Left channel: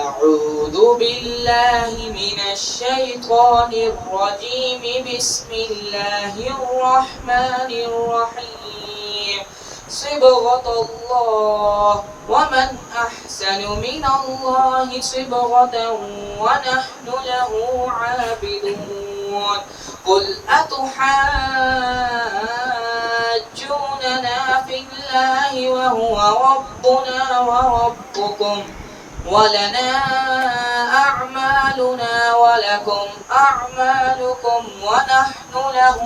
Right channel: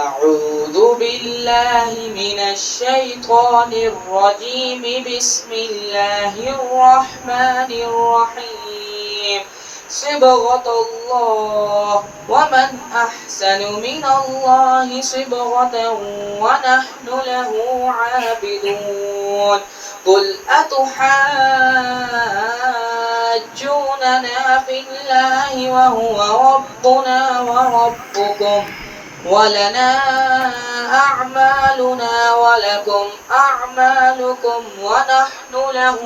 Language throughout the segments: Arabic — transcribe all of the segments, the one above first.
أعوذ بالله من الشيطان الرجيم. بسم الله الرحمن الرحيم. صبغة الله، ومن أحسن من الله صبغة ونحن له عابدون. قل أتحاجوننا في الله وهو ربنا وربكم ولنا أعمالنا ولكم أعمالكم ونحن له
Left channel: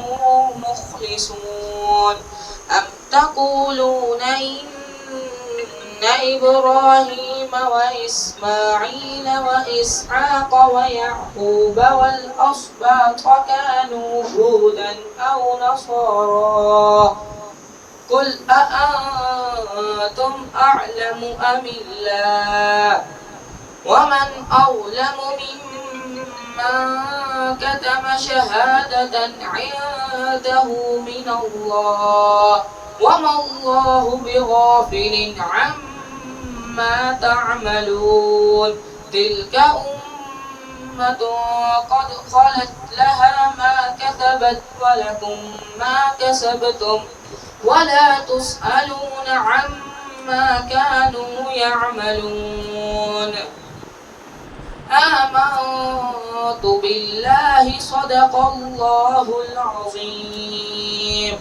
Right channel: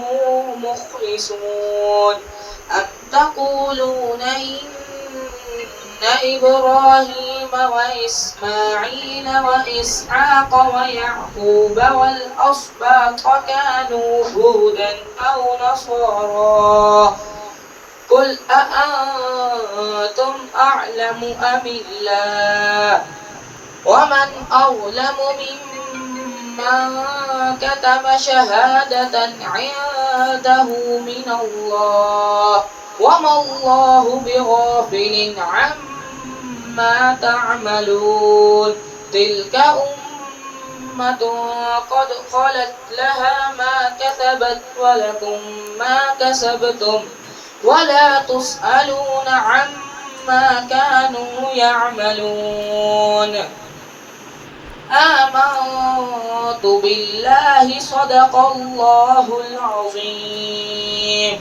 مخلصون. أم تقولون إن إبراهيم وإسماعيل وإسحاق ويعقوب والأسباط كانوا هودا أو نصارى؟ قل أأنتم أعلم أم الله؟ ومن أظلم ممن كتم شهادة عنده من الله، وما الله بغافل عما تعملون. تلك أمة قد خلت لها ما كسبت ولكم ما كسبتم ولا تسألون عما كانوا يعملون. آمنت بالله. صدق الله العظيم.